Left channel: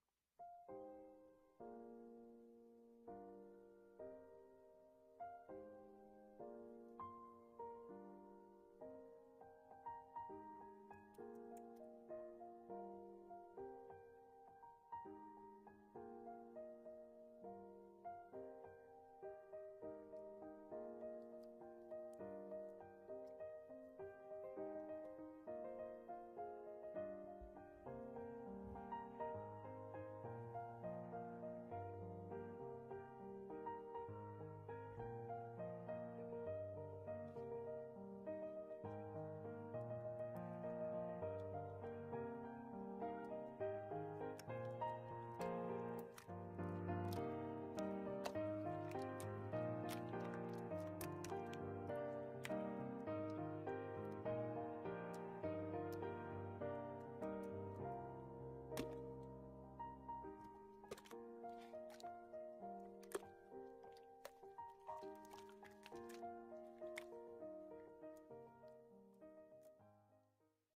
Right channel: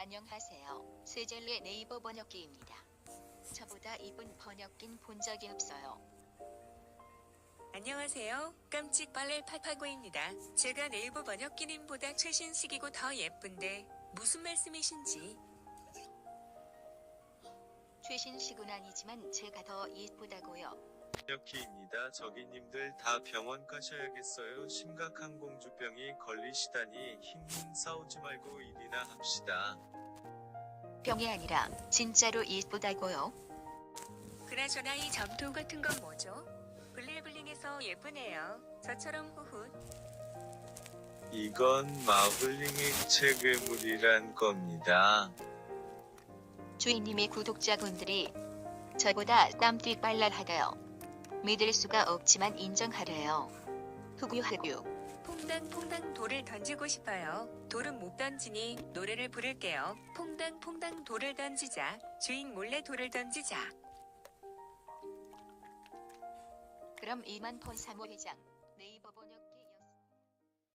안녕하세요. 세젤의 네이버 번역기입니다. 저보다 이쁜 번역기는 본 적이 없어요. 안녕하세요. 깜찍 빨래 파파고입니다. 제가 네이버 번역기님보다 최신식이고 더 예쁜데 무슨 말씀이신지. 최신식은 아니지만 제가 더 이쁘다고요. 번역기입니다. 저기님들 다 병원 가셔야겠어요. 심각한 공주병이 걸리시다니 힝 싸우지 말고 일이나 합시다. 병이 아니라 진짜로 이쁘다고요. 그나저나 이 점토 같은 건 뭐죠? 블링블링해서 예쁘네요. 저처럼 후훗. 이건 마블링 액체 괴물이란 겁니다. 주인님의 구독자분들이 저보다 땀띠 빨랄하대요. 믿을 수가 없지만 인정하래요. 흑유흑유. 퐁당퐁당 돌을 던지고 싶어요. 돌은 못 던지니 노래를 부를게요. 퐁당퐁당 돌을 던지자. 주인 몰래 돌을 던지자. 그럼 이만 폰사모 회장.